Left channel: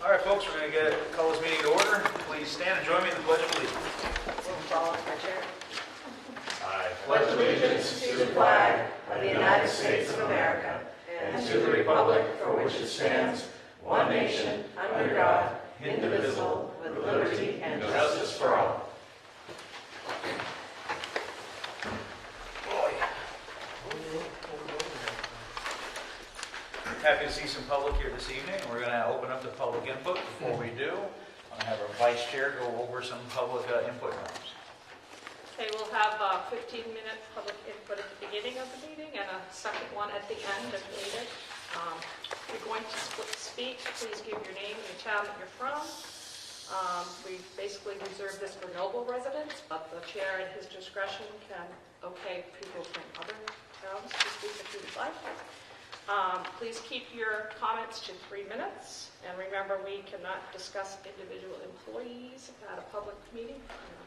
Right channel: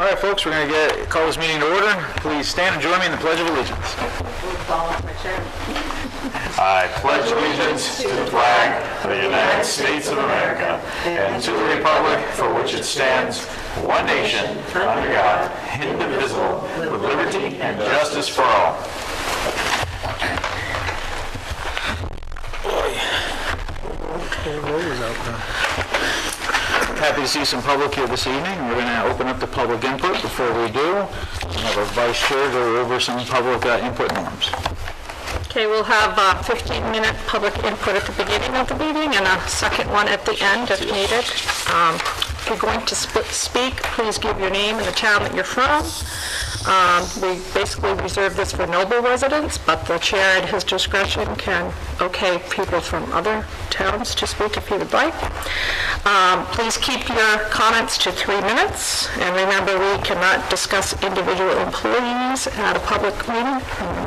All right, folks, we're going to call this meeting to order. Please stand and join me in the Pledge of Allegiance. I pledge allegiance to the flag of the United States of America and to the republic for which it stands, one nation, under God, indivisible, with liberty and justice for all. Happy to see some public here this evening. We're going to open up the public input. Before we do, we'll have our vice chair go over some public input norms. Okay, we'll have a 15-minute public input at the beginning of the meeting and a second one at the end if needed. If you're going to speak, please give your name and the town that you're from. We basically reserve this for Noble residents, but the chair at his discretion can okay people from other towns to speak if he would like. Please keep your comments to 3 minutes, and remember we cannot discuss individual employees at a public meeting.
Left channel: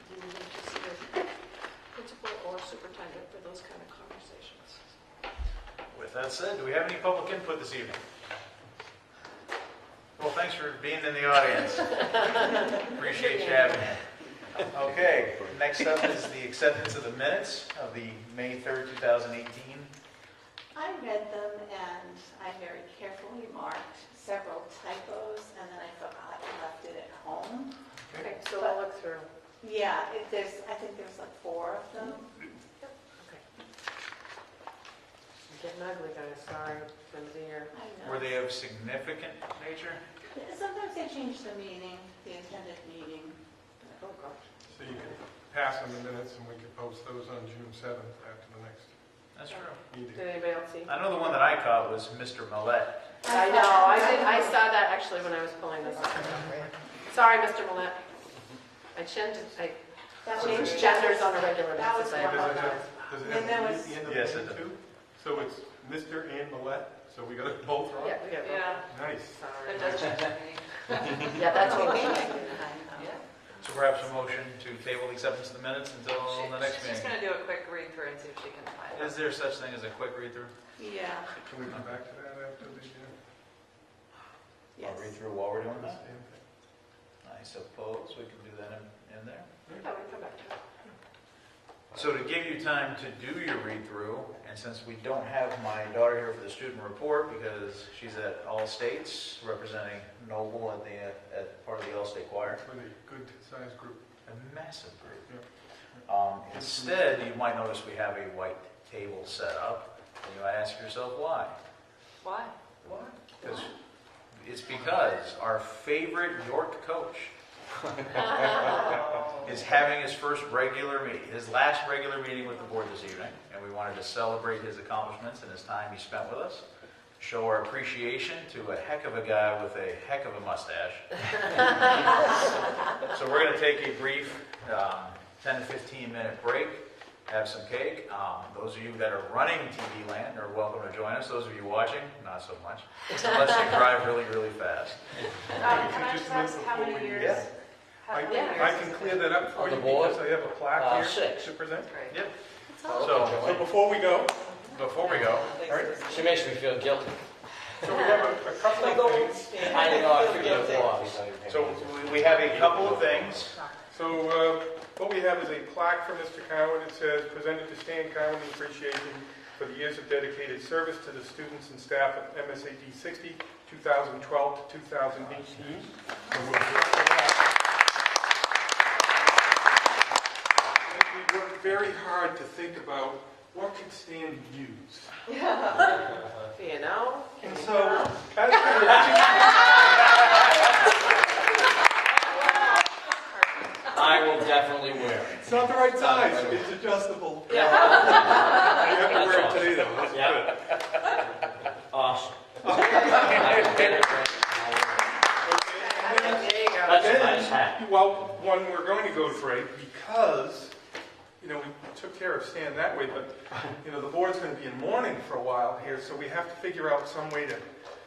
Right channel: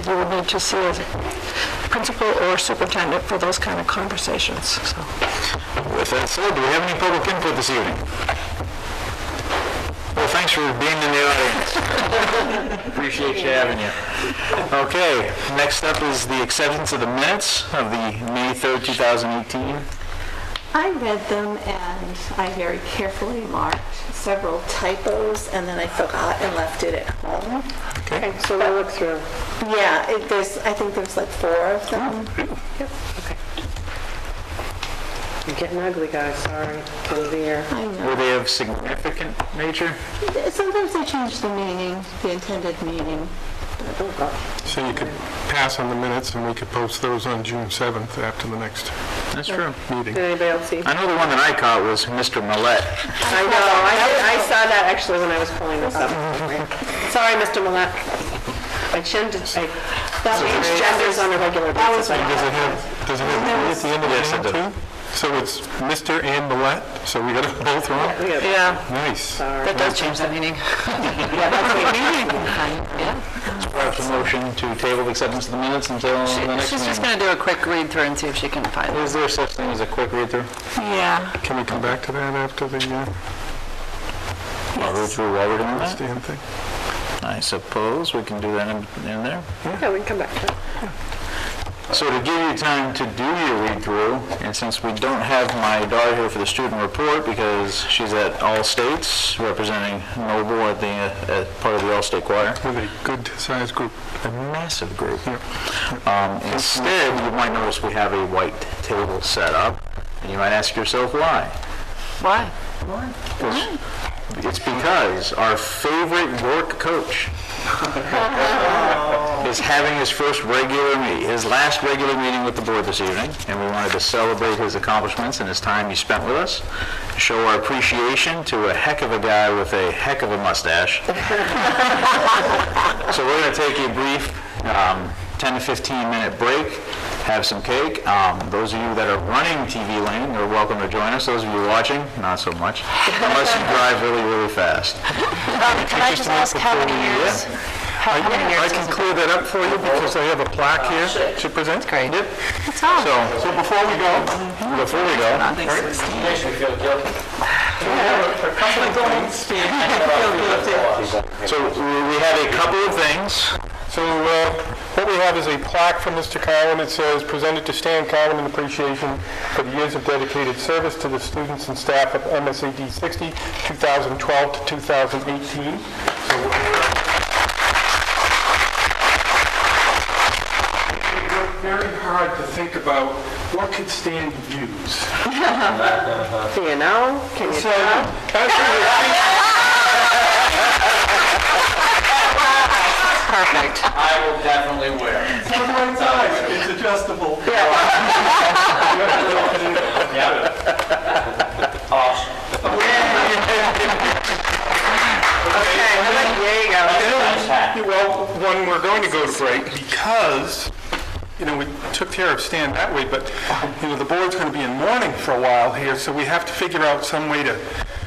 You would need to see a principal or superintendent for those kind of conversations. So. With that said, do we have any public input this evening? Well, thanks for being in the audience. Appreciate you having you. Okay, next up is the acceptance of the minutes of the May 3rd, 2018. I read them and I very carefully marked several typos and then I forgot and left it at home. Okay. So we'll look through. Yeah, I think there's like 4 of them. Yep. Okay. You're getting ugly, guys. Sorry. End of the year. I know. Were they of significant nature? Sometimes they change the meaning, the intended meaning. So you could pass on the minutes and we could post those on June 7th after the next That's true. meeting. Did anybody else see? I know the one that I caught was Mr. Millette. I know. I saw that actually when I was pulling this up. Sorry, Mr. Millette. I change genders on a regular basis. Does it have at the end of Yes, the it name does. too? So it's Mr. and Millette, so we got it both wrong? Yeah, Nice. Sorry. that does change the meaning. Perhaps a motion to table the acceptance of the minutes until the next She's just meeting. going to do a quick read through and see if she can find it. Is there such thing as a quick read-through? Yeah. Can we come back to that after the I'll read through while we're doing that. stand thing? I suppose we can do that in there. Yeah, we can come back to it. So to give you time to do your read-through, and since we don't have my daughter here for the student report because she's at All States representing Noble at the part of the All-State Choir, With a good-sized group. a massive group. Instead, you might notice we have a white table set up, and you might ask yourself why. Why? It's because our favorite York coach is having his last regular meeting with the board this evening, and we wanted to celebrate his accomplishments and his time he spent with us, show our appreciation to a heck of a guy with a heck of a mustache. So we're going to take a brief 10 to 15 minute break, have some cake. Those of you that are running TV Lane are welcome to join us. Those of you watching, not so much, unless you drive really, really fast. Can I just ask how many years? How many I years can is it? clear that up for you because I have a plaque here to present. Great. Yep. It's all. So before we go, so we have a couple of things. So what we have is a plaque from Mr. Cowan. It says, presented to Stan Cowan in appreciation for the years of dedicated service to the students and staff of MSAD 60, 2012 to 2018. So we worked very hard to think about what could Stan use. Do you know? Can you So, tell? Perfect. I will definitely wear it. it's the right size. It's adjustable. Yeah. Awesome. There you go. Nice hat. Well, when we're going to go to break, because, we took care of Stan that way, but, the board's going to be in mourning for a while here, so we have to figure out some way to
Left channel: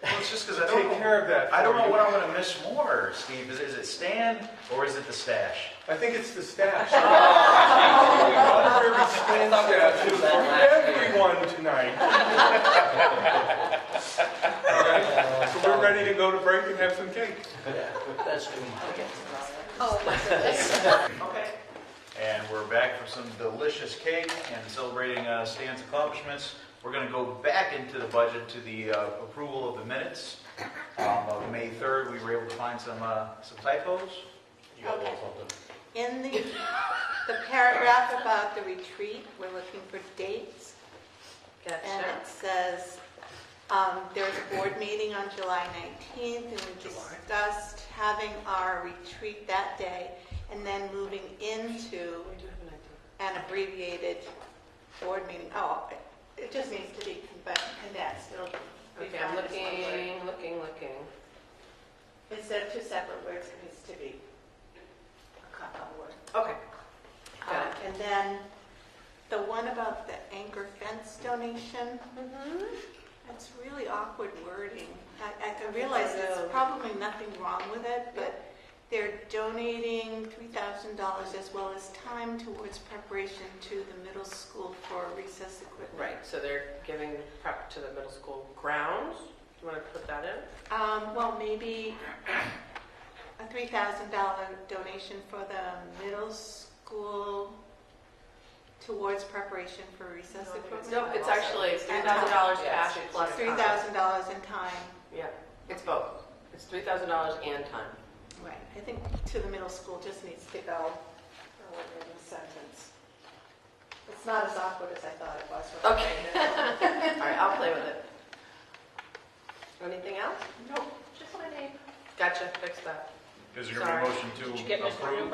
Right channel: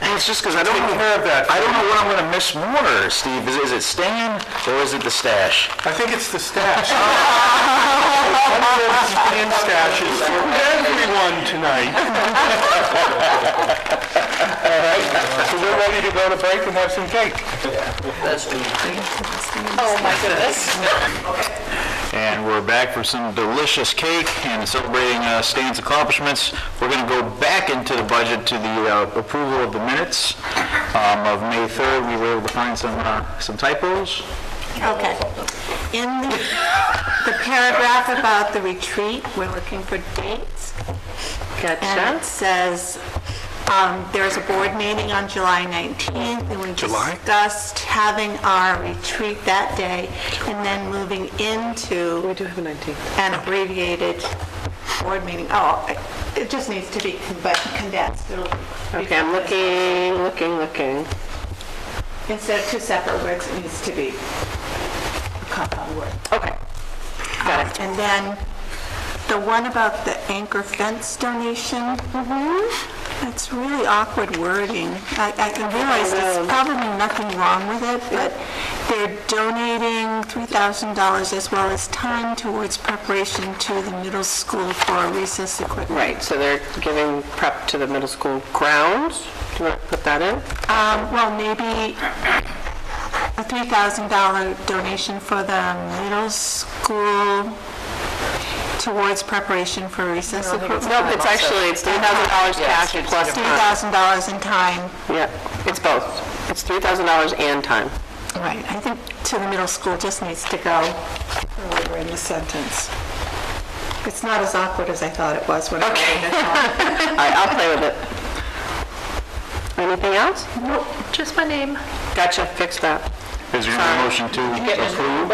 Well, it's just because I don't take know. care of that. I don't know what I'm going to miss more, Steve. Is it Stan or is it the stash? I think it's the stash. One of those Stan stashes for everyone tonight. All right, so we're we're ready to go to break and have some cake. Oh, my goodness. And we're back for some delicious cake and celebrating Stan's accomplishments. We're going to go back into the budget to the approval of the minutes of May 3rd. We were able to find some typos. Okay. In the paragraph about the retreat, we're looking for dates. And Gotcha. it says, there's a board meeting on July 19th, and we discussed having our retreat that day, and then moving into We do have a 19th. an abbreviated board meeting. Oh, it just needs to be condensed. It'll be Okay, I'm looking. Instead of two separate words, it needs to be a compound word. Okay, got it. And then the one about the anchor fence donation, that's really awkward wording. I realize there's probably nothing wrong with it, but they're donating $3,000 as well as time towards preparation to the middle school for recess equipment. Right, so they're giving prep to the middle school grounds. Do you want to put that in? Well, maybe a $3,000 donation for the middle school towards preparation for recess equipment. No, it's $3,000 cash plus time. $3,000 in time. Yeah, it's both. It's $3,000 and time. Right, I think to the middle school just needs to go earlier in the sentence. It's not as awkward as I thought it was when I read it. All right, I'll play with it. Anything else? Nope, just my name. Gotcha, fix that. Is there a motion to approve?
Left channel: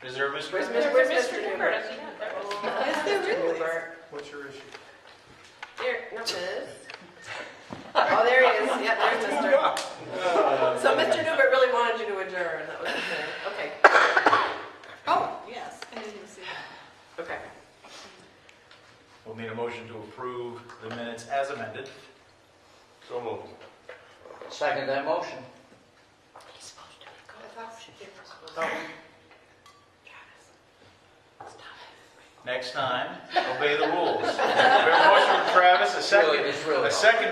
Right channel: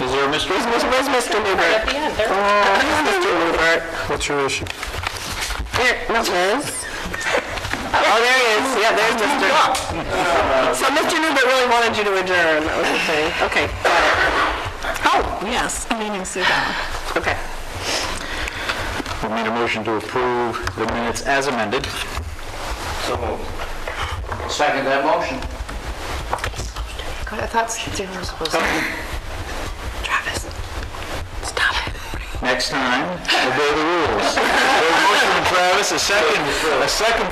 Is there a Mr. Where's Mr. Newbert? Mr. Newbert. What's your issue? Here, no, Liz. Oh, there he is. Yeah, there's Mr. So Mr. Newbert really wanted you to adjourn. That was the thing. Okay, got it. Oh, yes, meaning sit down. Okay. We made a motion to approve the minutes as amended. So moved. Second that motion. God, I thought Stan was supposed to. Travis, stop it. Next time, obey the rules. There's a motion from Travis, a second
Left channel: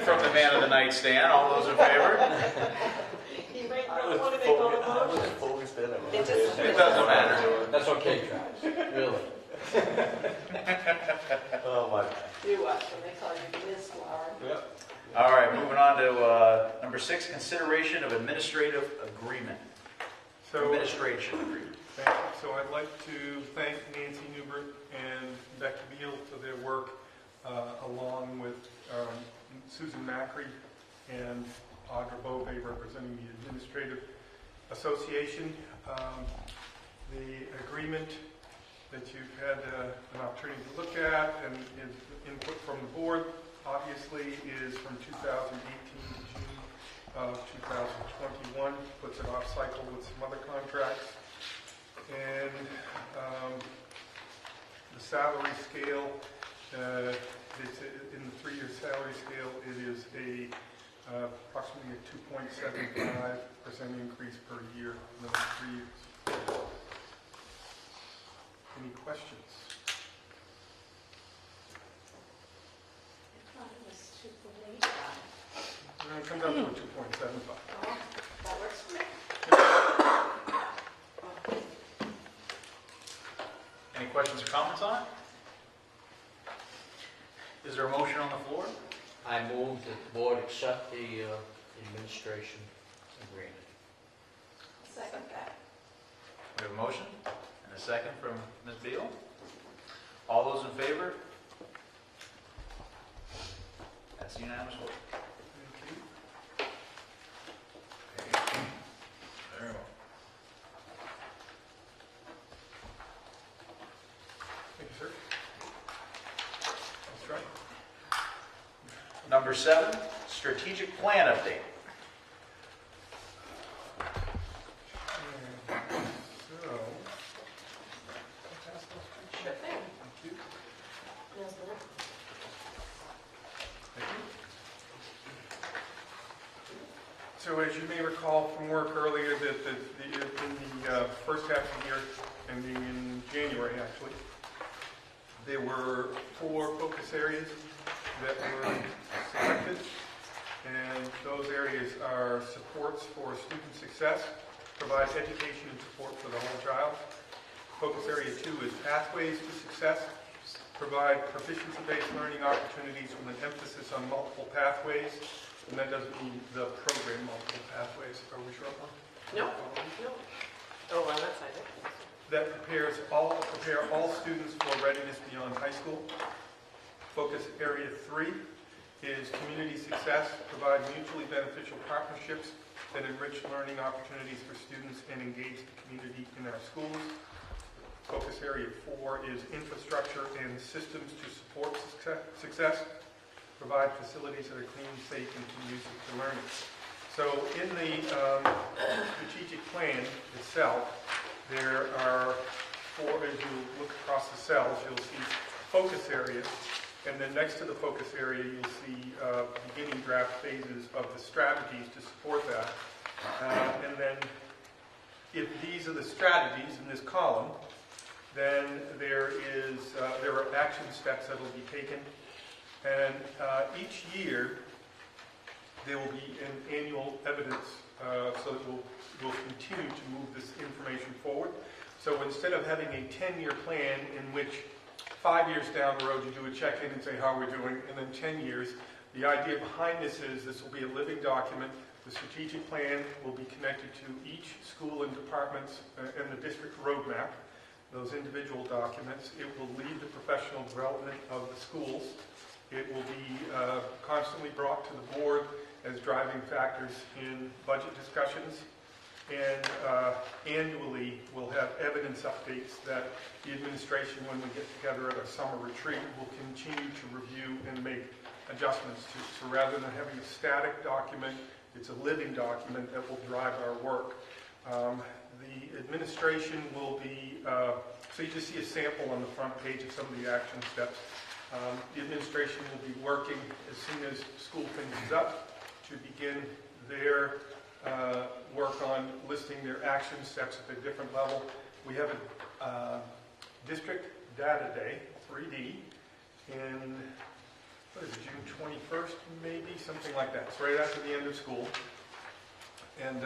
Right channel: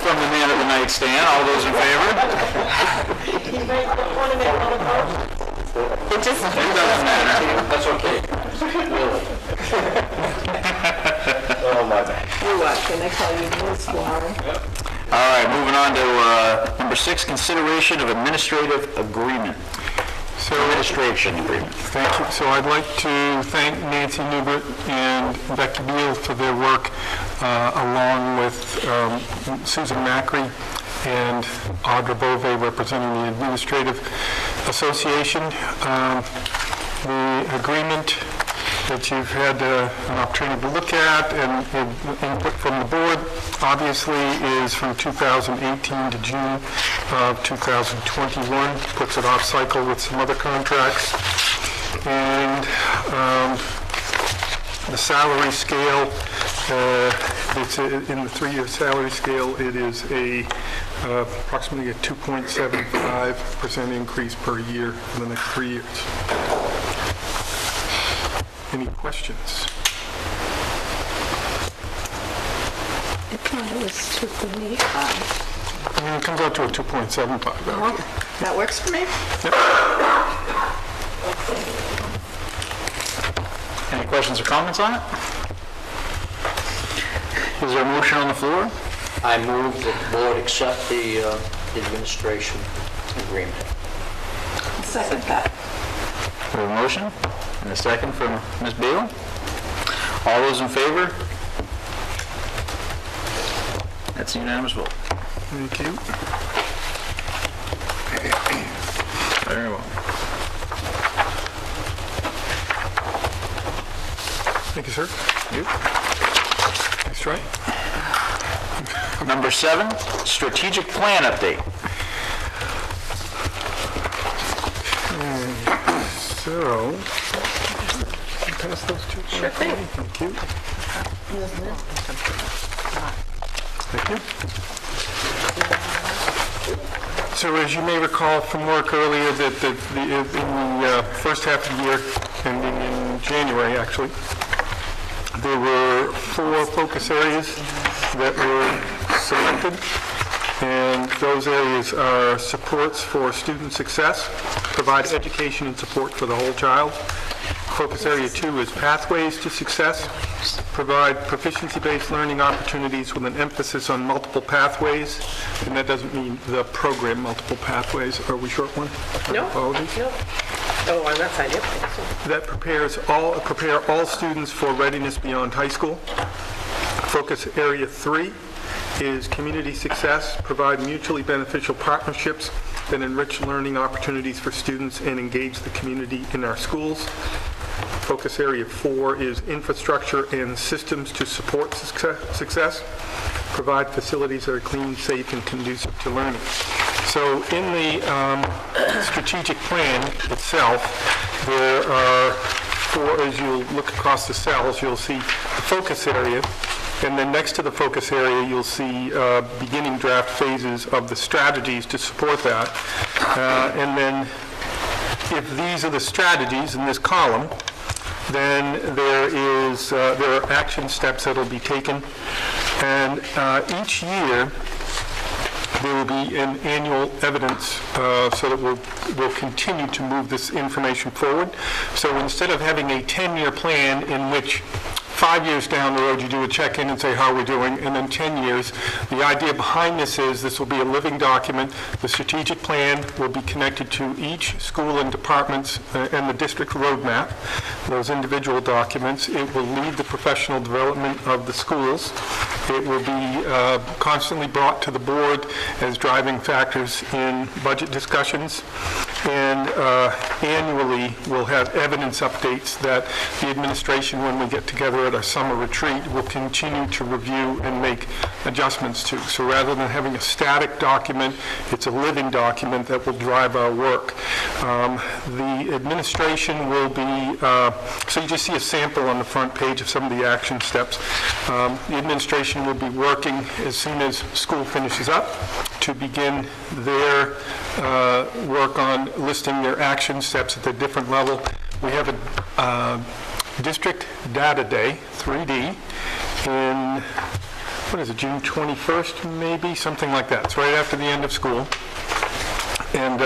from the man of the night, Stan. All those in favor? It just... It doesn't matter. That's okay. Really. Oh, my bad. You what, can I call you Ms. Warren? All right, moving on to number 6, consideration of administrative agreement. Administration agreement. Thank you. So I'd like to thank Nancy Newbert and Becky Beal for their work, along with Susan Macri and Audra Bove representing the Administrative Association. The agreement that you've had an opportunity to look at and input from the board obviously is from 2018 to June of 2021, puts it off cycle with some other contracts. And the salary scale, it's in the 3-year salary scale, it is approximately a 2.75% increase per year in the next 3 years. Any questions? I thought it was 2.85. It comes out to a 2.75. That works for me? Any questions or comments on it? Is there a motion on the floor? I move that the board accept the administration agreement. Second that. We have a motion and a second from Ms. Beal. All those in favor? That's a unanimous vote. Thank you. Very well. Thank you, sir. You. Nice try. Number 7, strategic plan update. So, can you pass those two? Sure thing. Thank you. Thank you. So as you may recall from work earlier, that in the first half of the year, ending in January actually, there were 4 focus areas that were selected. And those areas are supports for student success, provide education and support for the whole child. Focus area 2 is pathways to success, provide proficiency-based learning opportunities with an emphasis on multiple pathways. And that doesn't mean the program multiple pathways. Are we short one? No. Apologies. No. Oh, on that side, yep. That prepare all students for readiness beyond high school. Focus area 3 is community success, provide mutually beneficial partnerships that enrich learning opportunities for students and engage the community in our schools. Focus area 4 is infrastructure and systems to support success, provide facilities that are clean, safe, and conducive to learning. So in the strategic plan itself, there are 4, as you look across the cells, you'll see the focus area, and then next to the focus area, you'll see beginning draft phases of the strategies to support that. And then if these are the strategies in this column, then there are action steps that will be taken. And each year, there will be an annual evidence so that we'll continue to move this information forward. So instead of having a 10-year plan in which 5 years down the road, you do a check-in and say how we're doing, and then 10 years. The idea behind this is this will be a living document. The strategic plan will be connected to each school and departments and the district roadmap, those individual documents. It will lead the professional development of the schools. It will be constantly brought to the board as driving factors in budget discussions. And annually, we'll have evidence updates that the administration, when we get together at our summer retreat, will continue to review and make adjustments to. So rather than having a static document, it's a living document that will drive our work. The administration will be, so you just see a sample on the front page of some of the action steps. The administration will be working as soon as school finishes up to begin their work on listing their action steps at the different level. We have a District Data Day, 3D, in, what is it, June 21st, maybe? Something like that. It's right after the end of school. And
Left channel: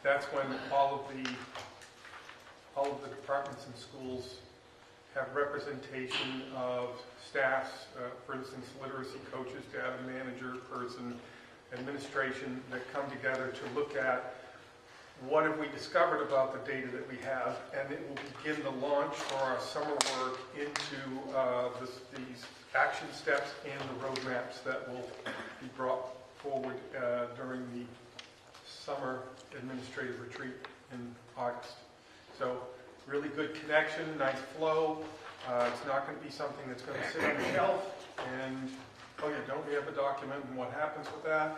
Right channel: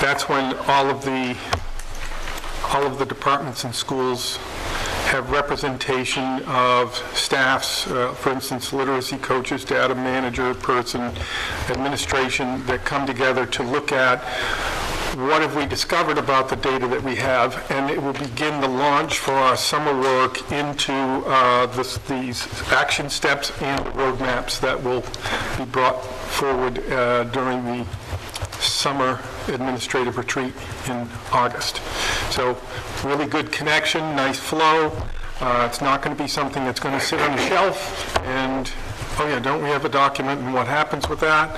that's when all of the departments and schools have representation of staffs, for instance, literacy coaches, data manager person, administration, that come together to look at what have we discovered about the data that we have, and it will begin the launch for our summer work into these action steps and the roadmaps that will be brought forward during the summer administrative retreat in August. So really good connection, nice flow. It's not going to be something that's going to sit on the shelf and, oh yeah, don't we have a document and what happens with that,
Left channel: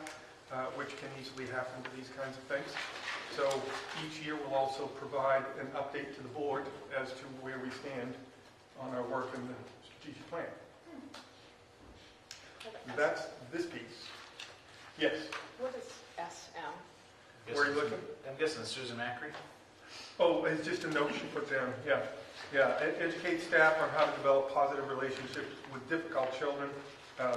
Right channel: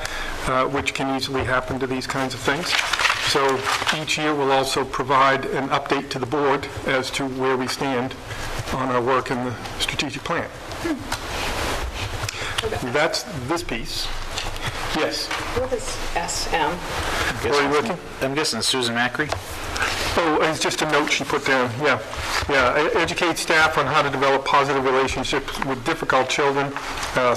which can easily happen to these kinds of things. So each year we'll also provide an update to the board as to where we stand on our work in the strategic plan. That's this piece. Yes. What is SM? Where are you working? I'm guessing Susan Macri. Oh, it's just a note she put down, yeah. Educate staff on how to develop positive relationships with difficult children.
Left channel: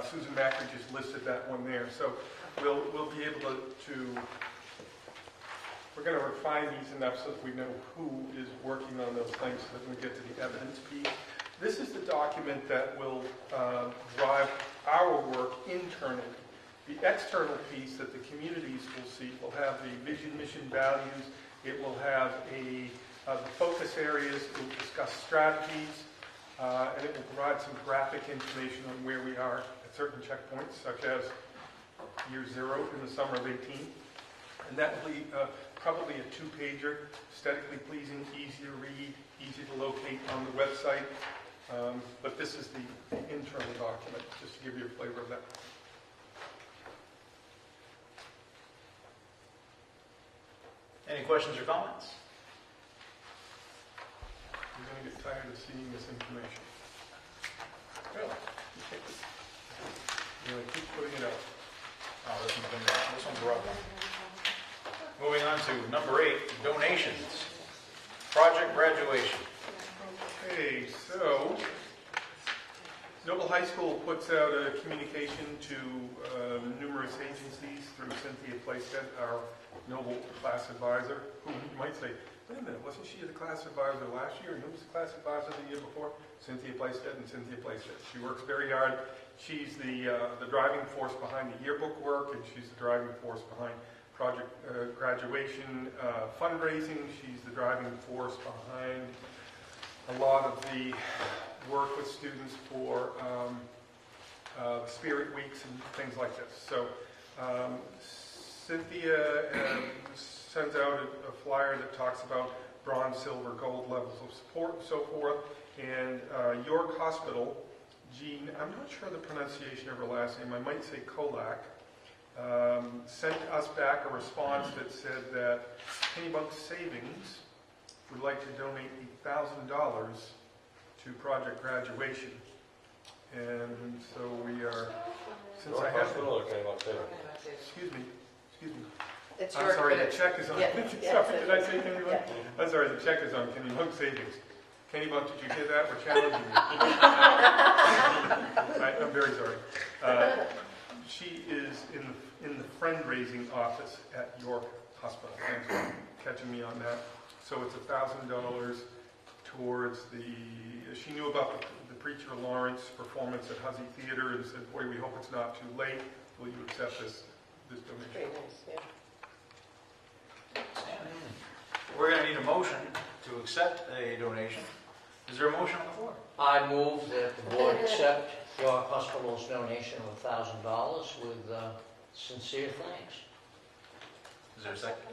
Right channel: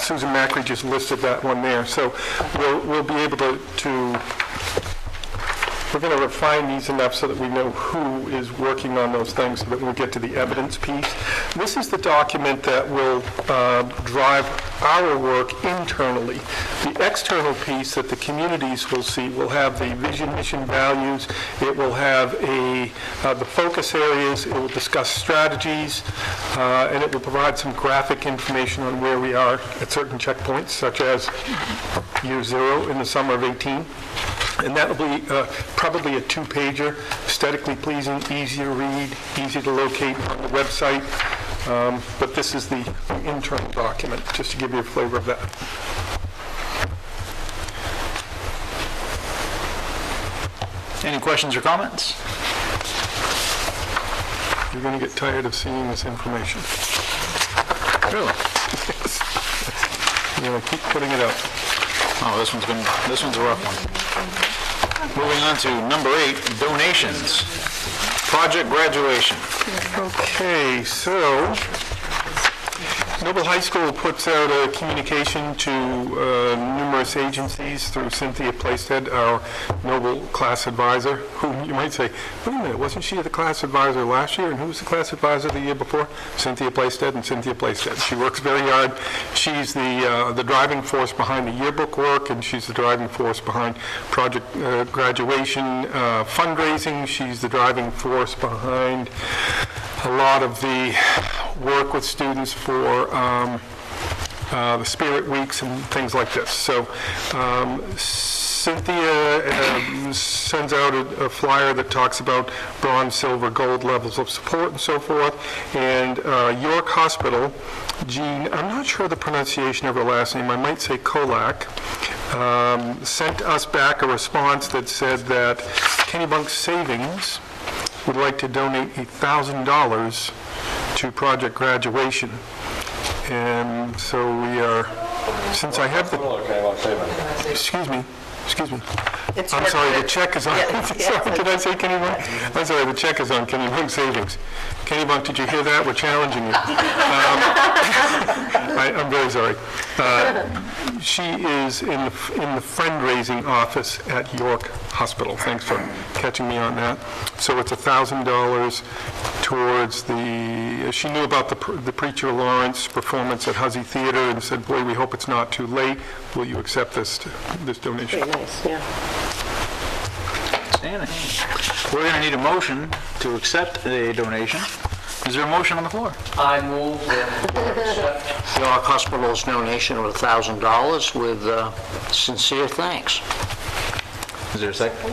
Susan Macri just listed that one there. So we'll be able to we're going to refine these enough so that we know who is working on those things so that when we get to the evidence piece. This is the document that will drive our work internally. The external piece that the communities will see will have the vision, mission, values. It will have the focus areas. It will discuss strategies, and it will provide some graphic information on where we are at certain checkpoints, such as year 0 in the summer of 18. And that will be probably a 2-pager, aesthetically pleasing, easy to read, easy to locate on the website. But this is the internal document, just to give you a flavor of that. Any questions or comments? You're going to get tired of seeing this information. Really? You're going to keep putting it up. Oh, this one's a rough one. Moving on to number 8, donations. Project graduation. Okay, so Noble High School puts out a communication to numerous agencies through Cynthia Plaisted, our Noble class advisor, who you might say, wait a minute, wasn't she the class advisor last year? And who was the class advisor the year before? Cynthia Plaisted and Cynthia Plaisted. She works very hard. She's the driving force behind the yearbook work, and she's the driving force behind project graduation fundraising. She's the driving force behind a lot of the work with students for the Spirit Weeks and things like this. So Cynthia sends out a flyer that talks about bronze, silver, gold levels of support and so forth. And York Hospital, Jean, I'm not sure the pronunciation of her last name, I might say Kolak, sent us back a response that said that Kennebunk Savings would like to donate $1,000 to Project Graduation. And so we are, since I have the, excuse me. I'm sorry, the check is on, sorry, did I say Kennebunk? I'm sorry, the check is on Kennebunk Savings. Kennebunk, did you hear that? We're challenging you. I'm very sorry. She is in the fundraising office at York Hospital. Thanks for catching me on that. So it's $1,000 towards the, she knew about the Preacher Lawrence performance at Huzzy Theater and said, boy, we hope it's not too late. Will you accept this donation? Very nice, yeah. Outstanding. We're going to need a motion to accept the donation. Is there a motion on the floor? I move that the board accept York Hospital's donation of $1,000 with sincere thanks. Is there a second?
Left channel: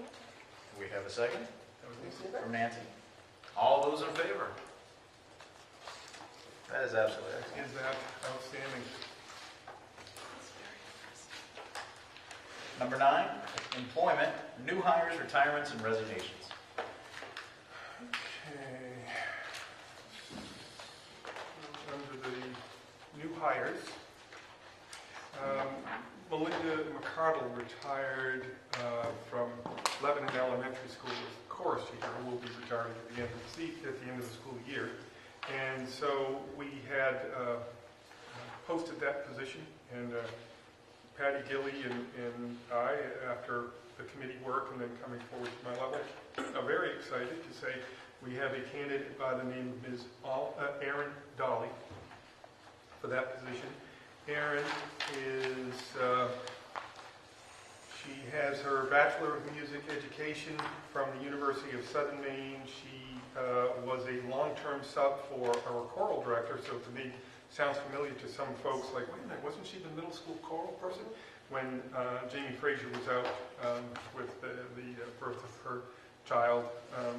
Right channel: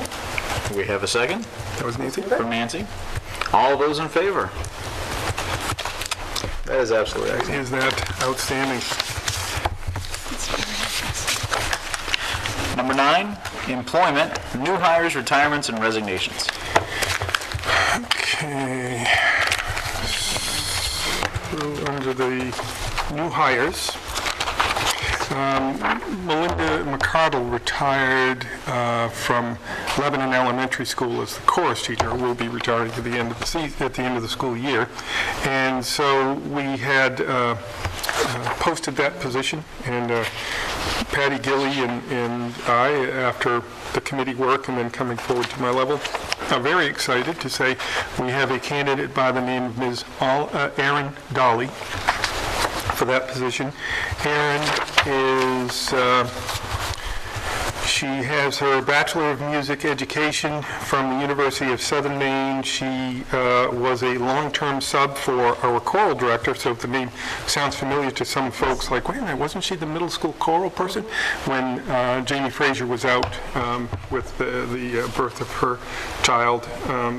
We have a second That was Nancy? from Nancy. All those in favor? That is absolutely excellent. Is that outstanding? Number 9, employment, new hires, retirements, and resignations. Okay. So under the new hires, Melinda McCardle retired from Lebanon Elementary School as the chorus teacher. Will be retiring at the end of the school year, and so we had posted that position, and Patty Gilly and I, after the committee work and then coming forward to my level, are very excited to say we have a candidate by the name of Ms. Erin Dolly for that position. Erin is, she has her Bachelor of Music Education from the University of Southern Maine. She was a long-term sub for our choral director, so if the name sounds familiar to some folks, like, wait a minute, wasn't she the middle school choral person? When Jamie Fraser was out with the birth of her child,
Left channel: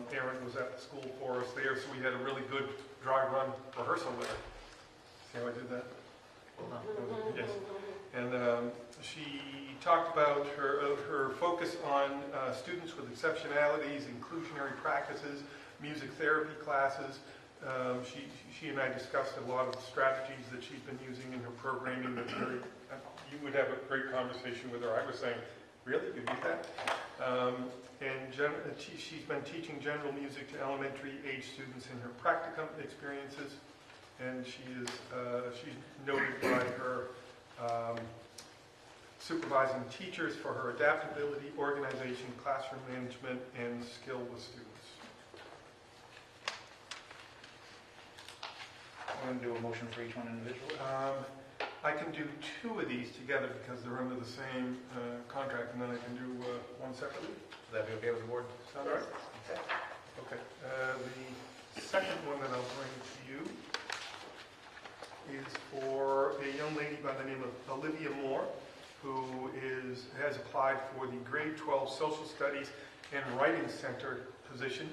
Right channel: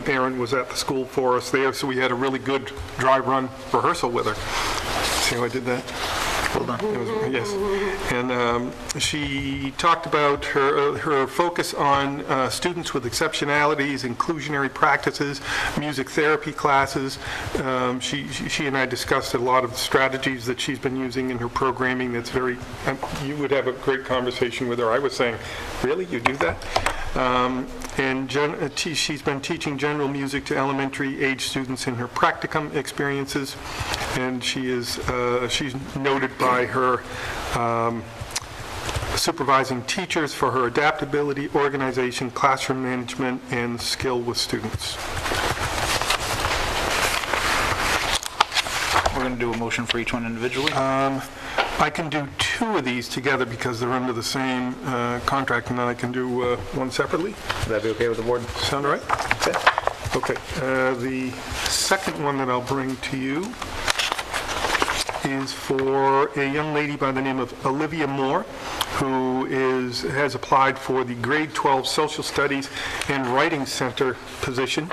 Erin was at the school for us there, so we had a really good dry run rehearsal with her. See how I did that? Well done. Yes. And she talked about her focus on students with exceptionalities, inclusionary practices, music therapy classes. She and I discussed a lot of the strategies that she's been using in her programming. That's very, you would have a great conversation with her. I was saying, really, you do that? And she's been teaching general music to elementary age students in her practicum experiences, and she's noted by her supervising teachers for her adaptability, organization, classroom management, and skill with students. We're going to do a motion for each one individually. I can do 2 of these together because they're under the same contract, and then I can do one separately. Would that be okay with the board? Sound all right? Okay. Okay. The second one that I'll bring to you is for a young lady by the name of Olivia Moore, who has applied for the grade 12 Social Studies and Writing Center position.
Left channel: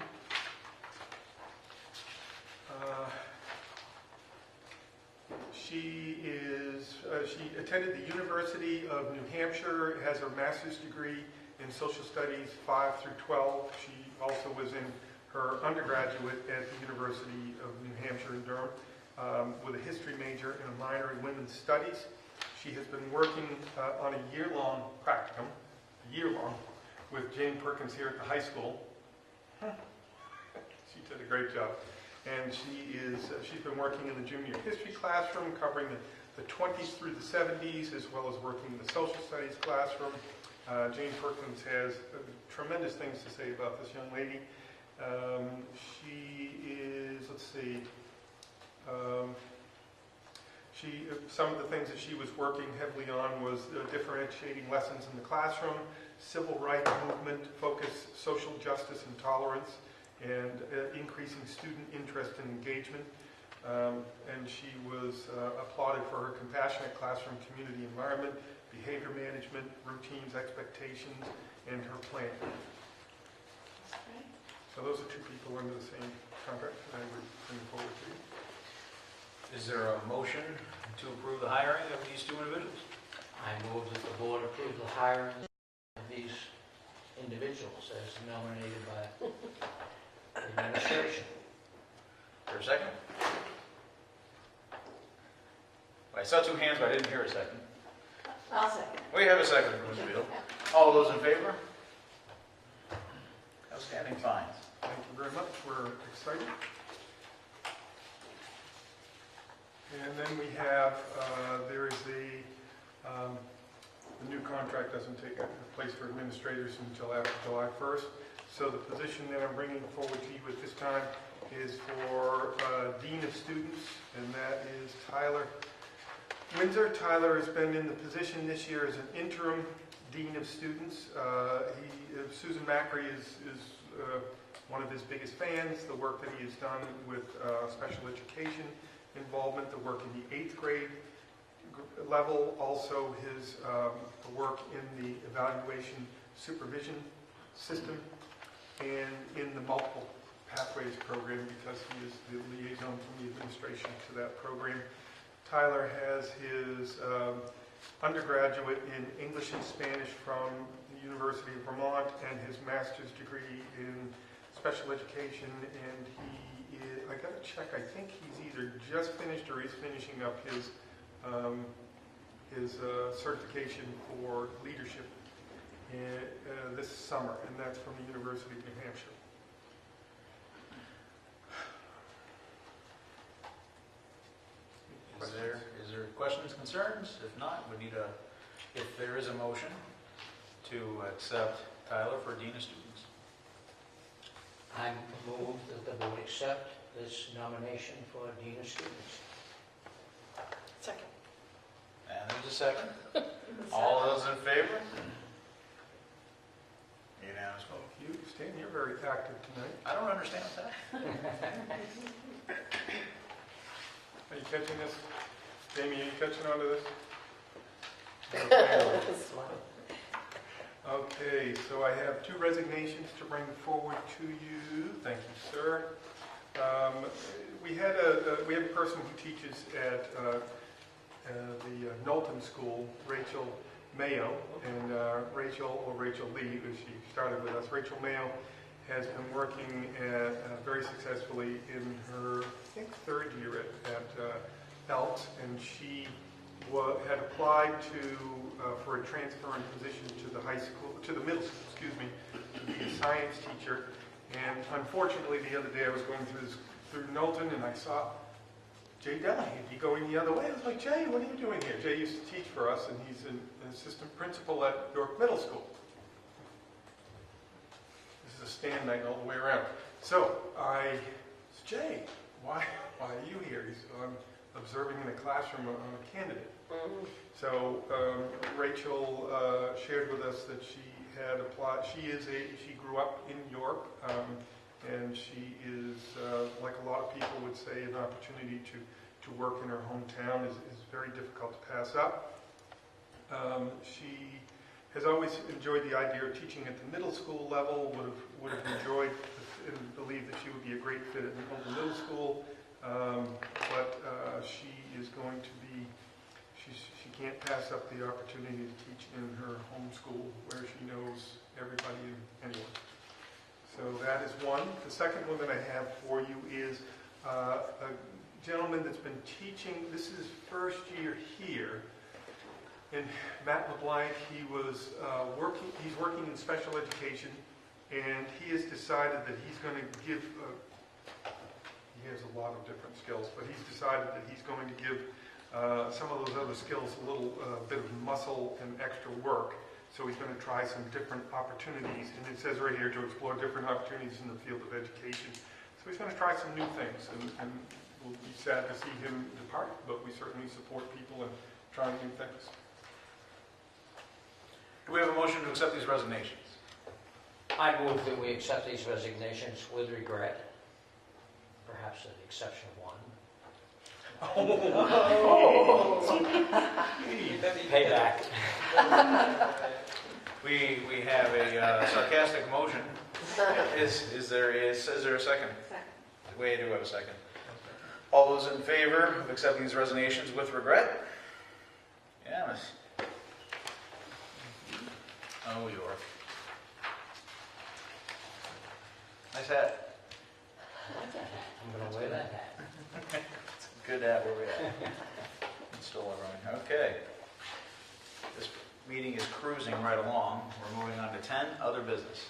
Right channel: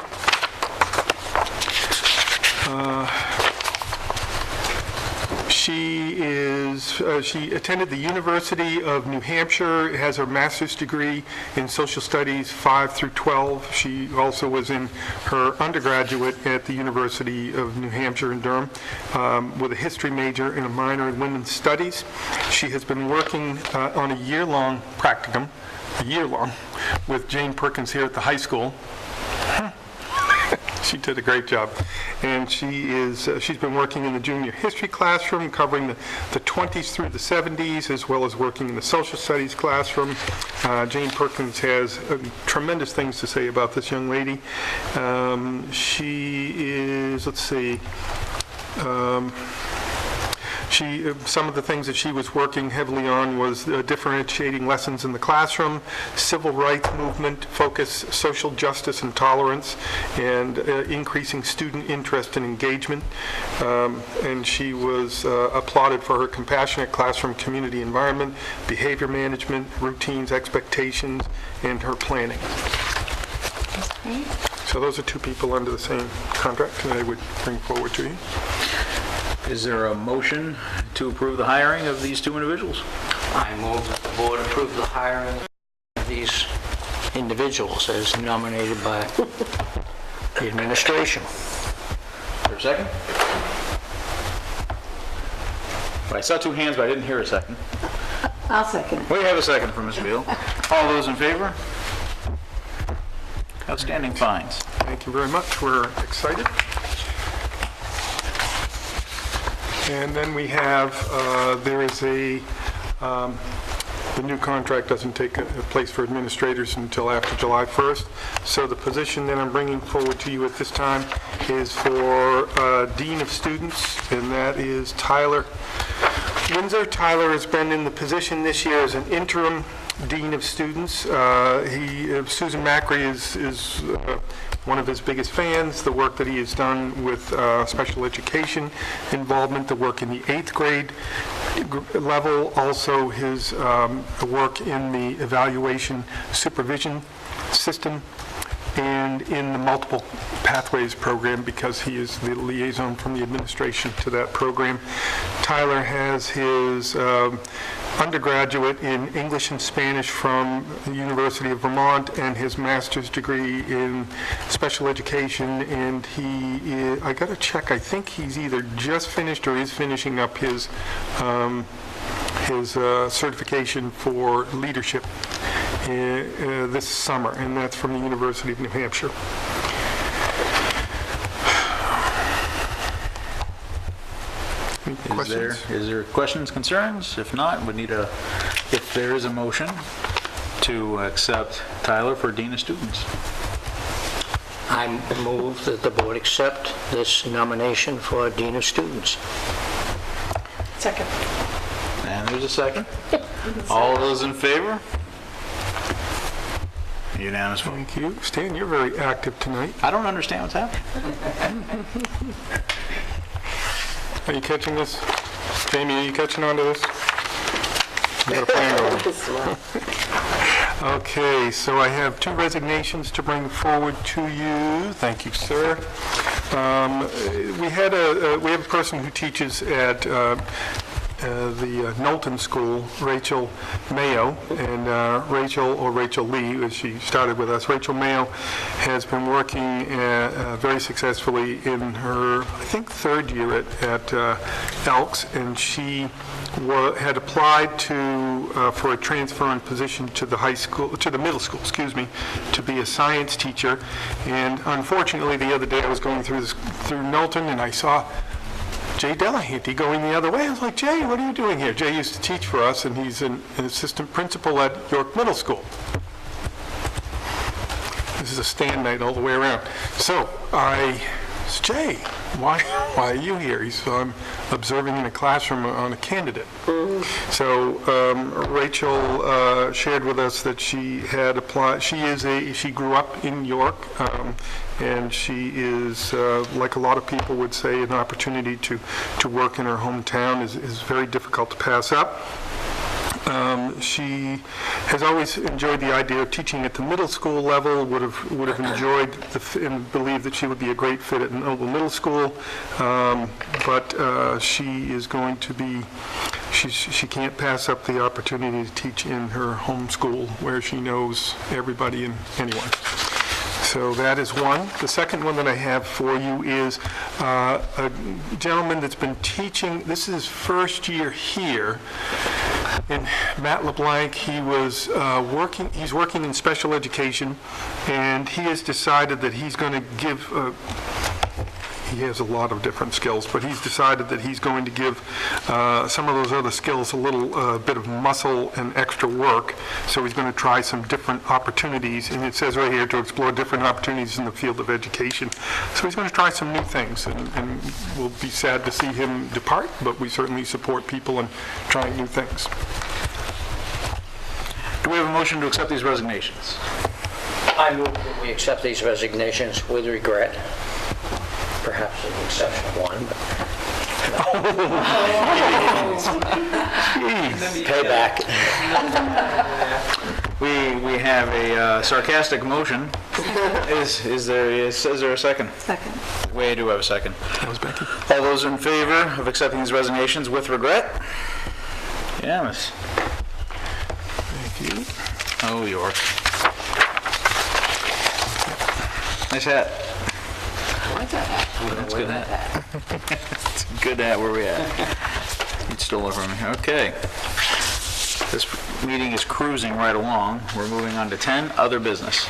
She attended the University of New Hampshire, has her master's degree in social studies 5 through 12. She also was in her undergraduate at the University of New Hampshire in Durham with a history major and a minor in women's studies. She has been working on a year-long practicum, with Jane Perkins here at the high school. She did a great job. And she's been working in the junior history classroom, covering the 20s through the 70s, as well as working in the social studies classroom. Jane Perkins has tremendous things to say about this young lady. She is, let's see, some of the things that she was working heavily on was differentiating lessons in the classroom, civil rights movement, focus, social justice and tolerance, and increasing student interest and engagement. And she was applauded for her compassionate classroom community environment, behavior management, routines, expectations, and her planning. So those are two people under the same contract that I would bring forward to you. Is there a motion to approve the hiring of these two individuals? I move that the board approve the hiring of these individuals as nominated by the administration. Is there a second? Well, I saw two hands, but I didn't hear a second. I'll second. We have a second from Ms. Beal. All those in favor? Outstanding fines. Thank you very much. We're excited. And then we have, there is the new contract doesn't take place for administrators until after July 1st. So the position that I'm bringing forward to you at this time is for Dean of Students, and that is Tyler Windsor. Tyler has been in the position this year as an interim Dean of Students. Susan Macri is one of his biggest fans, the work that he has done with special education involvement, the work in the 8th grade level, also his work in the evaluation supervision system, and in the multiple pathways program, because he is the liaison from the administration to that program. Tyler has his undergraduate in English and Spanish from the University of Vermont and his master's degree in special education, and I got to check, I think he's either just finished or is finishing up his certification for leadership this summer, and that's from the University of New Hampshire. Any questions? Is there questions, concerns? If not, if there is a motion to accept Tyler for Dean of Students. I move that the board accept this nomination for Dean of Students. Second. And there's a second. All those in favor? Unanimous vote. Thank you. Stan, you're very active tonight. I don't understand what's happening. Are you catching this? Jamie, are you catching on to this? You got a plan going. Okay, so I have two resignations to bring forward to you. Thank you, sir. We have a person who teaches at the Knowlton School, Rachel Mayo, and Rachel Lee, as she started with us. Rachel Mayo has been working very successfully in her, I think, third year at Elks, and she had applied for a transfer in position to the middle school, to be a science teacher. And unfortunately, the other day I was going through Knowlton, and I saw Jay Delahanty going the other way. I was like, Jay, what are you doing here? Jay used to teach for us, and he's an assistant principal at York Middle School. This is a stand night all the way around. So I said, Jay, why are you here? He said, I'm observing in a classroom on a candidate. So Rachel shared with us that she had applied. She grew up in York, and she is, like a lot of people would say, an opportunity to work in her hometown is very difficult to pass up. She has always enjoyed the idea of teaching at the middle school level, would have enjoyed and believed that she would be a great fit at Noble Middle School, but she is going to be, she can't pass up the opportunity to teach in her home school where she knows everybody and anyone. So that is one. The second one that I have for you is a gentleman that's been teaching, this is his first year here, And Matt LeBlanc, he's working in special education, and he has decided that he's going to give, he has a lot of different skills, but he's decided that he's going to give some of those other skills a little bit of muscle and extra work. So he's going to try some different opportunities, and it says right here to explore different opportunities in the field of education. So he's going to try some new things, and we'll be sad to see him depart, but we certainly support people in trying new things. Do we have a motion to accept these resignations? I move that we accept these resignations with regret, perhaps with the exception of one, but payback. We have a sarcastic motion. Is there a second? Second. We do have a second. That was Becky. All those in favor of accepting these resignations with regret? Unanimous. Thank you. Oh, York. Nice hat. That's a good hat. It's a good hat. Where we at? You stole it from me. Okay. This meeting is cruising right along. We're moving on to 10, other business.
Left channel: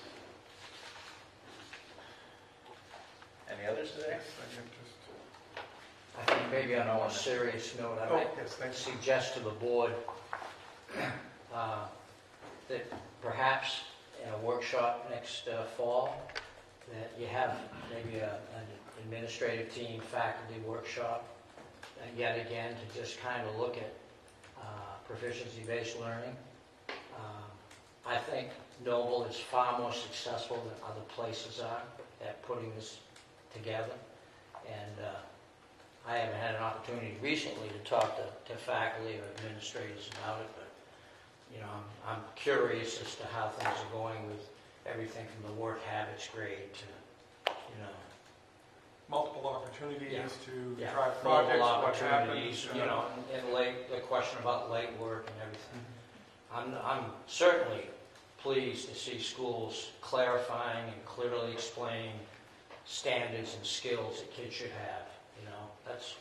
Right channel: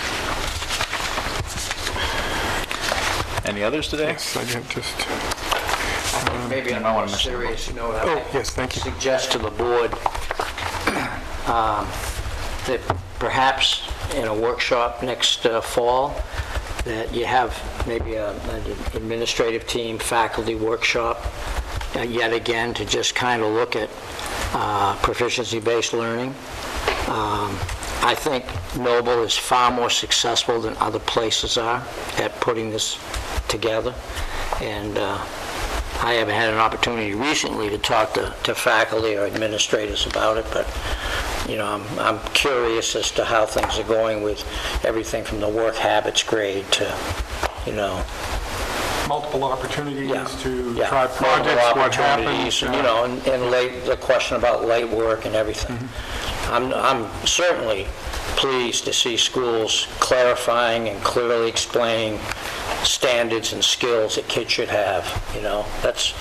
Any others today? Yes, I did just, Maybe I don't wanna miss serious note, oh, yes, thank you. suggest to the board that perhaps in a workshop next fall, that you have maybe an administrative team, faculty workshop, yet again, to just kind of look at proficiency-based learning. I think Noble is far more successful than other places are at putting this together, and I haven't had an opportunity recently to talk to faculty or administrators about it, but you know, I'm curious as to how things are going with everything from the work habits grade to, you know, Multiple opportunities Yeah. to yeah, try multiple projects, what opportunities, happens. you know, and late, the question about late work and everything. I'm certainly pleased to see schools clarifying and clearly explaining standards and skills that kids should have, you know. That's,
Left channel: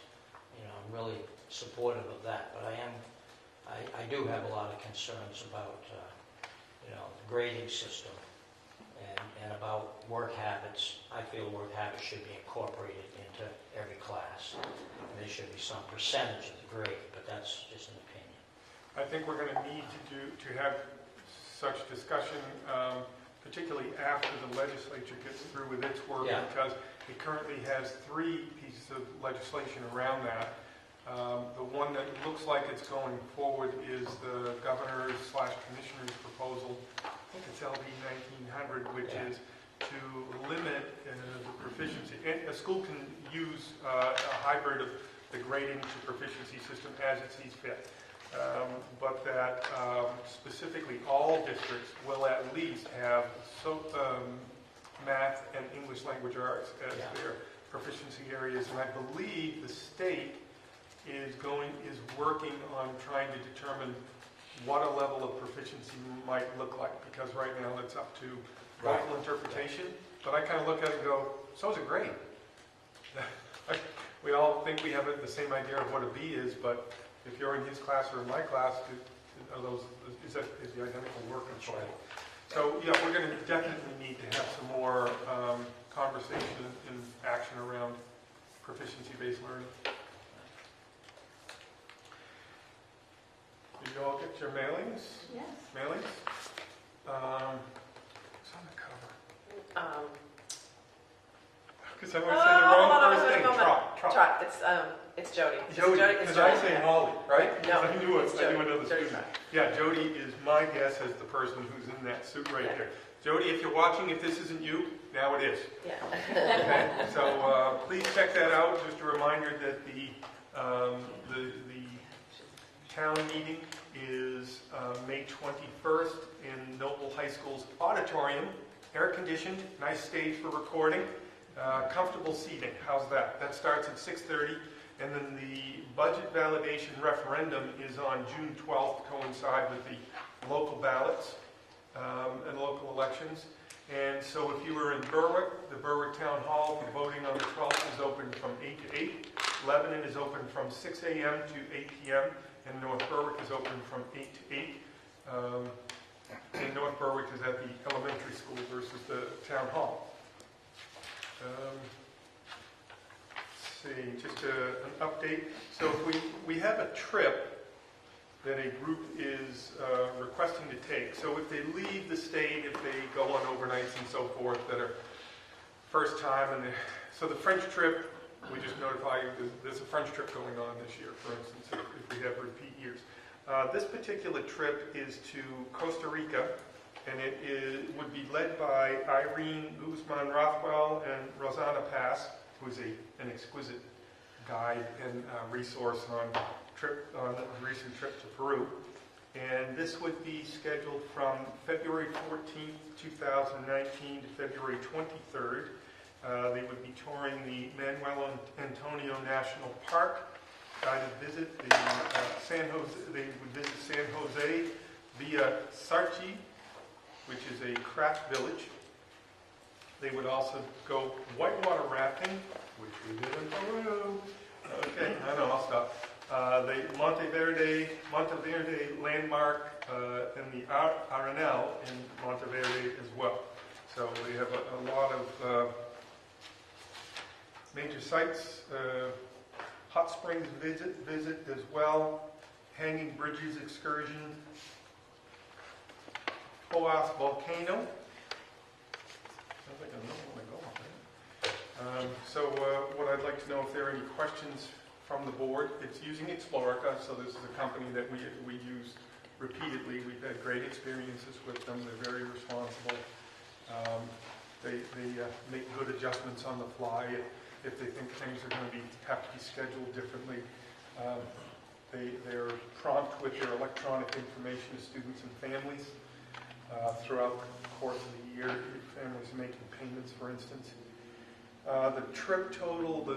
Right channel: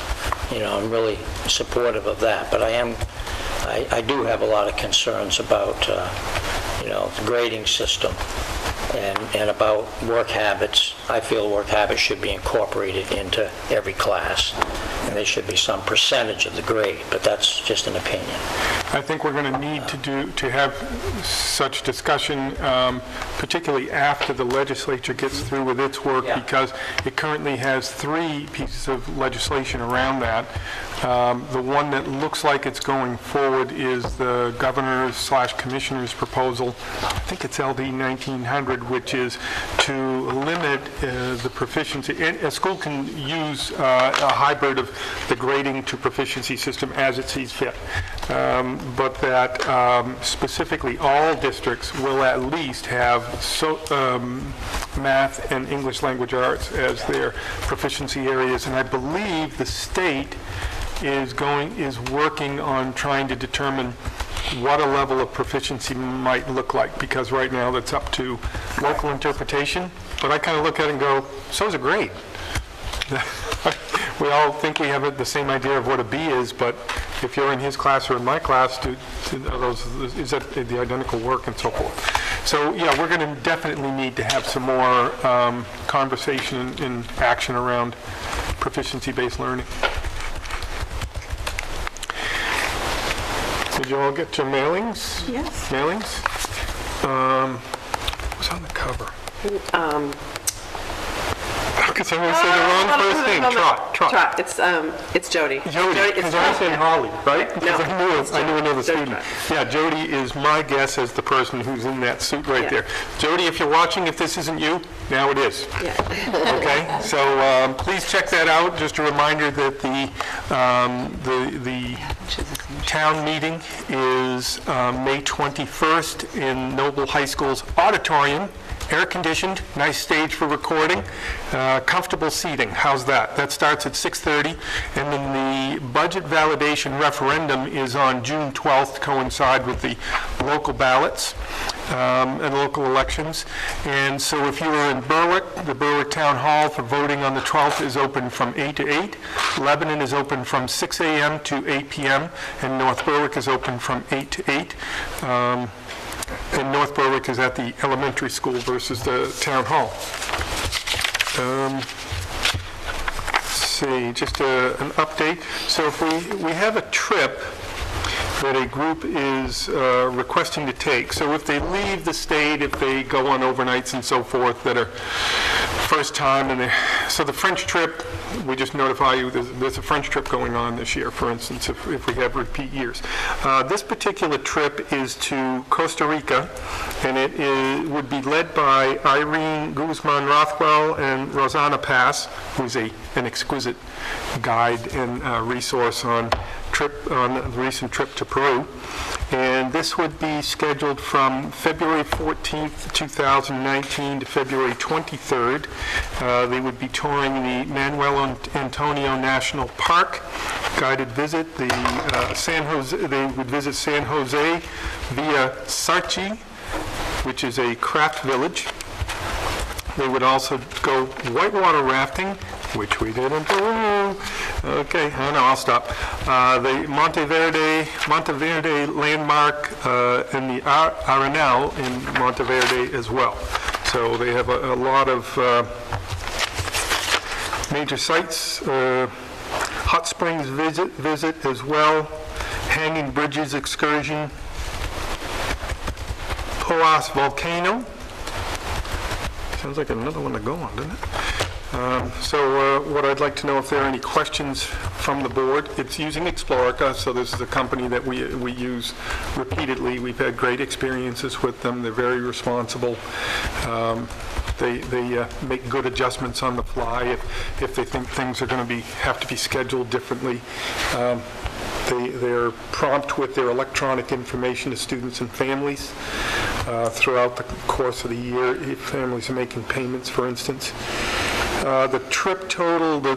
you know, I'm really supportive of that, but I do have a lot of concerns about, you know, the grading system and about work habits. I feel work habits should be incorporated into every class, and there should be some percentage of the grade, but that's just an opinion. I think we're going to need to have such discussion, particularly after the legislature gets through with its work, Yeah. because it currently has 3 pieces of legislation around that. The one that looks like it's going forward is the governor's/commissioner's proposal. I think it's LD 1900, which is to limit the proficiency. A school can use a hybrid of the grading to proficiency system as it sees fit, but that specifically all districts will at least have math and English language arts as their proficiency areas, and I believe the state is working on trying to determine what a level of proficiency might look like, because right now that's up to local interpretation. But I kind of look at it and go, so's a grade. We all think we have the same idea of what a B is, but if you're in his class or in my class, is that the identical work and so forth? So yeah, we're going to definitely need to have some more conversation and action around proficiency-based learning. Did you all get your mailings? Yes. Mailings? Who's on the cover? Because I'm going to say the wrong first name. Trot. It's Jody. Jody, because I said Holly, right? Because No, I knew another student. Trot. Yeah, Jody is my guess as the person who's in that suit right Yeah. there. Jody, if you're watching, if this isn't you, now it is. Yeah. Okay, so please check that out. Just a reminder that the town meeting is May 21st in Noble High School's auditorium. Air-conditioned, nice stage for recording, comfortable seating. How's that? That starts at 6:30, and then the budget validation referendum is on June 12th to coincide with the local ballots. and local elections. And so if you are in Berwick, the Berwick Town Hall for voting on the 12th is open from 8 to 8. Lebanon is open from 6 a.m. to 8 p.m., and North Berwick is open from 8 to 8. And North Berwick is at the elementary school versus the town hall. Let's see, just an update. So if we have a trip that a group is requesting to take. So if they leave the state, if they go on overnights and so forth that are first time, so the French trip, we just notify you there's a French trip going on this year, for instance, if we have repeat years. This particular trip is to Costa Rica, and it would be led by Irene Guzman Rothwell and Rosanna Pass, who's an exquisite guide and resource on the recent trip to Peru. And this would be scheduled from February 14th, 2019 to February 23rd. They would be touring the Manuel Antonio National Park, guided visit, they would visit San Jose via Sarchi, which is a craft village. They would also go whitewater rafting, which we did in Peru. Okay, I'll stop. The Monteverde landmark and the Arenal in Monteverde as well. So they have a lot of major sites. Hot Springs visit as well. Hanging Bridges excursion. Poas Volcano. Sounds like another one to go on, doesn't it? So what I'd like to know if there are any questions from the board. It's using Explorica, so this is a company that we use repeatedly. We've had great experiences with them. They're very responsible. They make good adjustments on the fly if they think things are going to have to be scheduled differently. They're prompt with their electronic information to students and families throughout the course of the year, if families are making payments, for instance. The trip total, the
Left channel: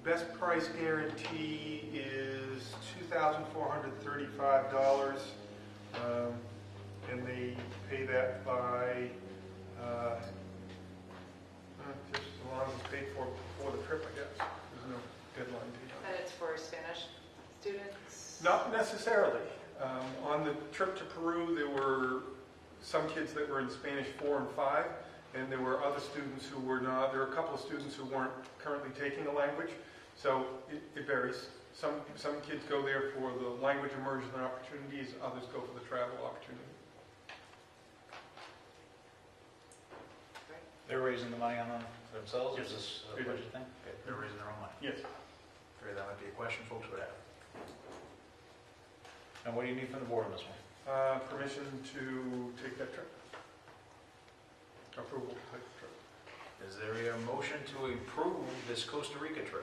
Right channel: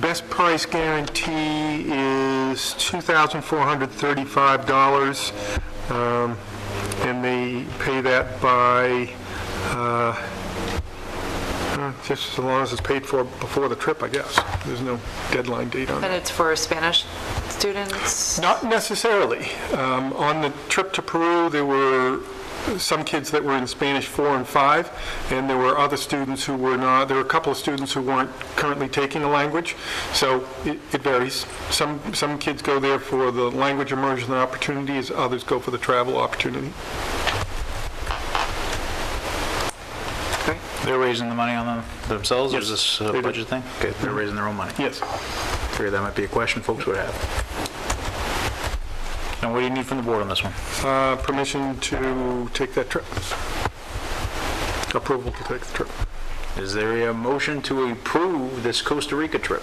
best price guarantee is $2,435, and they pay that by just as long as it's paid for before the trip, I guess. There's no deadline date on it. And it's for Spanish students? Not necessarily. On the trip to Peru, there were some kids that were in Spanish 4 and 5, and there were other students who were not. There were a couple of students who weren't currently taking a language, so it varies. Some kids go there for the language immersion opportunities, others go for the travel opportunity. They're raising the money on them themselves, or is this a they do. budget thing? Okay, they're raising their own money. Yes. Figured that might be a question folks would have. Now, what do you need from the board on this one? Permission to take that trip. Approval to take the trip. Is there a motion to approve this Costa Rica trip?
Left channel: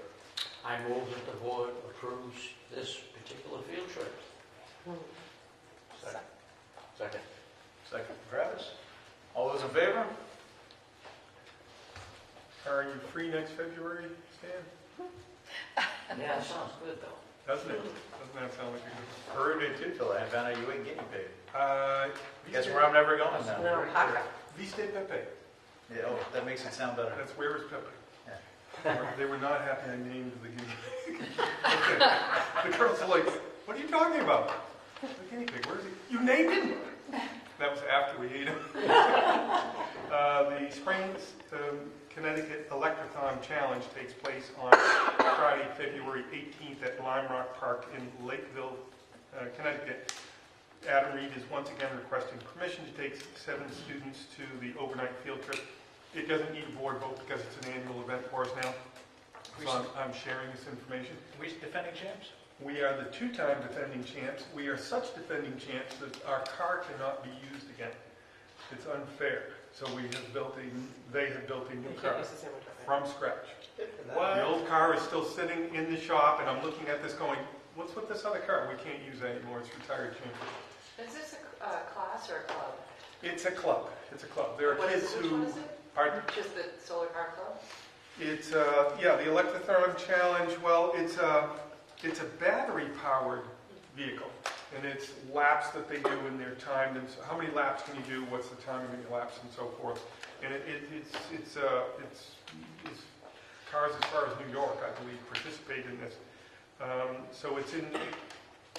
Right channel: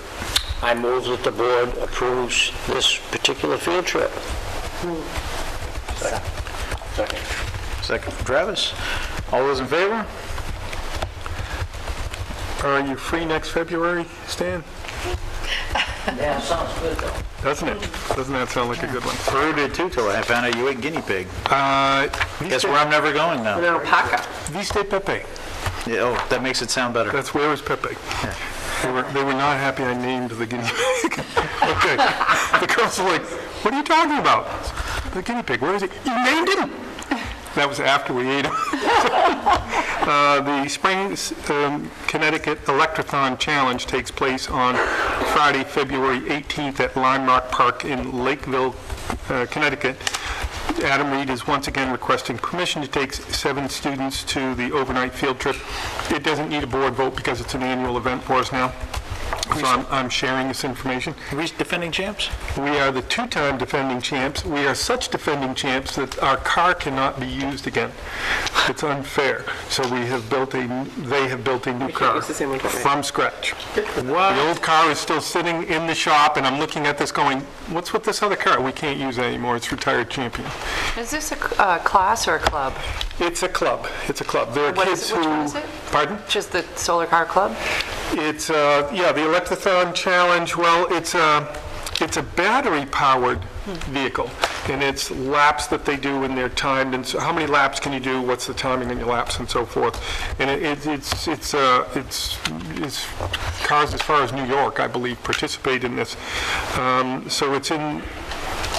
I move that the board approves this particular field trip. Second. Second from Travis. All those in favor? Are you free next February, Stan? Yeah, sounds good, though. Doesn't it? Doesn't that sound like a good one? Peru did too, till I found out you ate guinea pig. Guess Viste where I'm never going now. No, Paca. Pepe. Yeah, oh, that makes it sound better. That's where is Pepe. They were not happy I named the guinea pig. Okay. The girls were like, what are you talking about? The guinea pig, where is he? You named him? That was after we ate him. The Springs, Connecticut Electrothon Challenge takes place on Friday, February 18th at Landmark Park in Lakeville, Connecticut. Adam Reed is once again requesting permission to take 7 students to the overnight field trip. It doesn't need a board vote because it's an annual event for us now. So I'm sharing this information. Are we defending champs? We are the 2-time defending champs. We are such defending champs that our car cannot be used again. It's unfair. So they have built a new car use the same one twice. from scratch. The old car is still sitting in the shop, and I'm looking at this going, what's with this other car? We can't use it anymore. It's retired champion. Is this a class or a club? It's a club. It's a club. There are What kids is it? Which who... one is it? Pardon? Just the Solar Car Club? It's, the Electrothon Challenge, well, it's a battery-powered vehicle. and it's laps that they do, and they're timed, and so how many laps can you do, what's the timing on your laps, and so forth. And it's cars as far as New York, I believe, participate in this. So it's in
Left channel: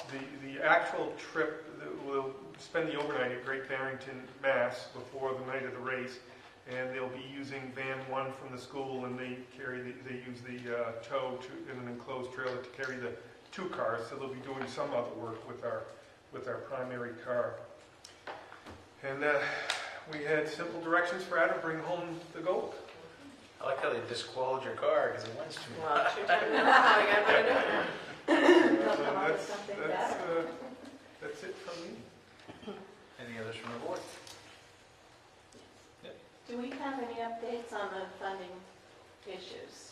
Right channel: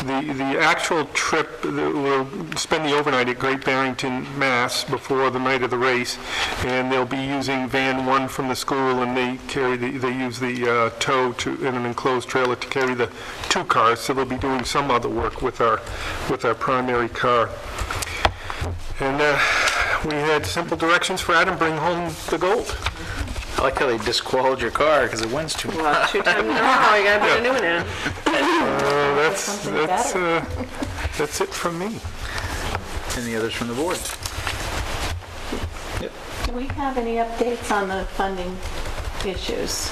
the actual trip. We'll spend the overnight at Great Barrington, Mass. Before the night of the race, and they'll be using van 1 from the school, and they use the tow in an enclosed trailer to carry the 2 cars. So they'll be doing some other work with our primary car. And we had simple directions for Adam: bring home the gold. I like how they disqualified your car because it wins too much. Well, 2 times in a row, you gotta put a new one in. That's it from me. Any others from the board? Do we have any updates on the funding issues?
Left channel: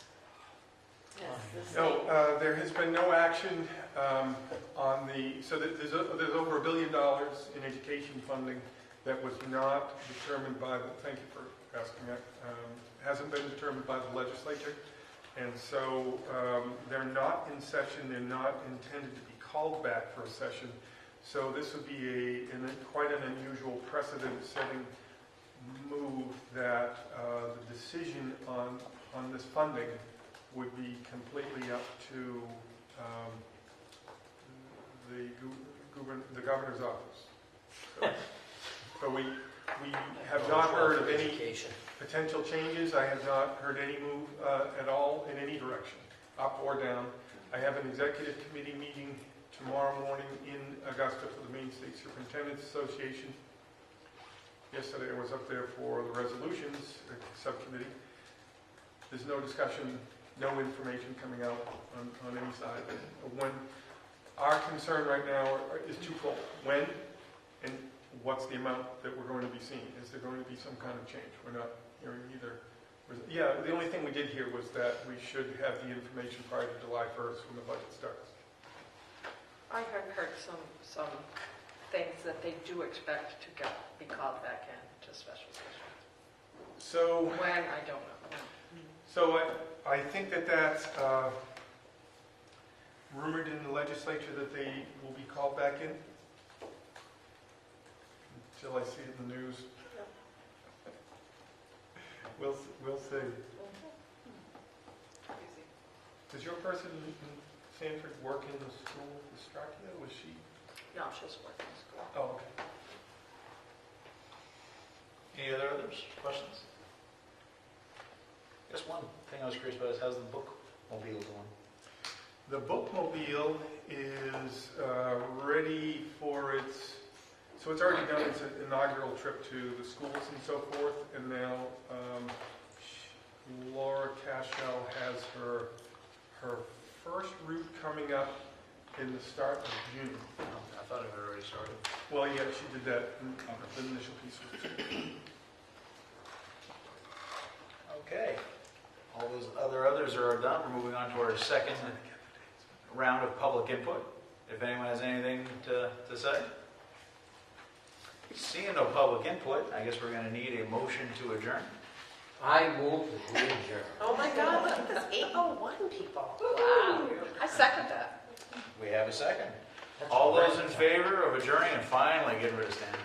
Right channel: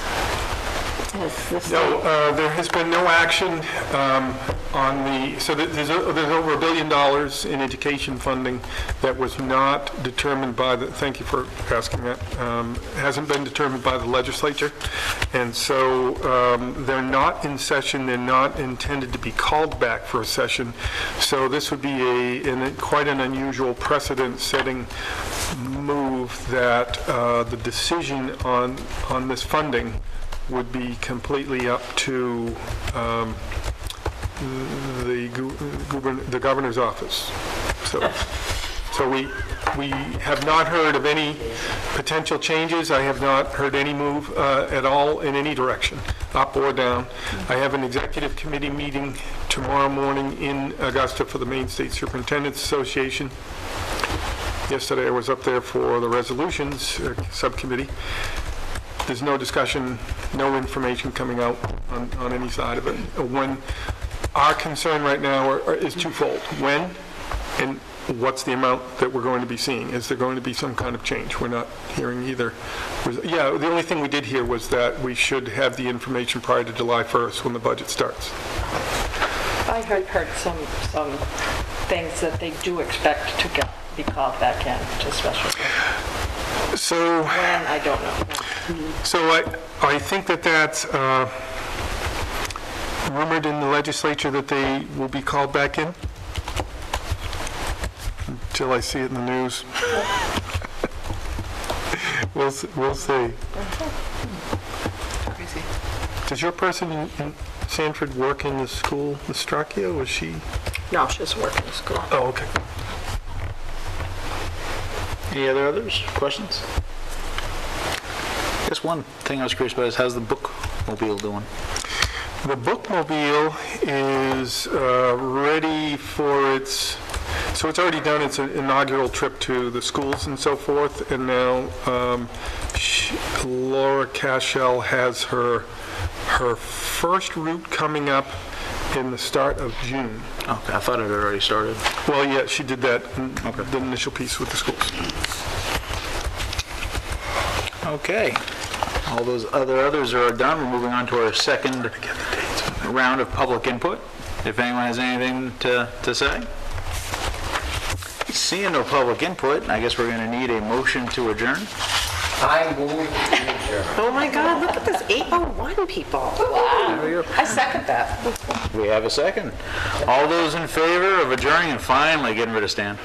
No, there has been no action on the, so there's over $1 billion in education funding that was not determined by the, thank you for asking that, hasn't been determined by the legislature. And so they're not in session, they're not intended to be called back for a session. So this would be quite an unusual precedent-setting move that the decision on this funding would be completely up to the governor's office. So we have not heard of any potential changes. I have not heard any move at all in any direction, up or down. I have an executive committee meeting tomorrow morning in Augusta for the Maine State Superintendent's Association. Yesterday I was up there for the resolutions subcommittee. There's no discussion, no information coming out on any side of it. When our concern right now is twofold. When and what's the amount that we're going to be seeing? Is there going to be some kind of change? We're not hearing either. Yeah, the only thing we did hear was that we should have the information prior to July 1st when the budget starts. I heard some things that they do expect to be called back in to special session. So, When, I don't know. so I think that's rumored in the legislature that they will be called back in until I see it in the news. We'll see. Crazy. Does your person in Sanford work in the school, Ms. Stracchio? Was she? No, she doesn't work in the school. Oh, okay. Any others? Questions? I guess one thing I was curious about is how's the bookmobile doing? The bookmobile is ready for its, so it's already done its inaugural trip to the schools and so forth, and now Laura Cashel has her first route coming up in the start of June. Okay, I thought it had already started. Well, yeah, she did that, the initial piece with the schools. Okay. All those others are done. We're moving on to our second round of public input. If anyone has anything to say. Seeing no public input, I guess we're going to need a motion to adjourn. I move to adjourn. Oh my God, look at this 8:01 people. I second that. We have a second. All those in favor of adjourning and finally getting rid of Stan?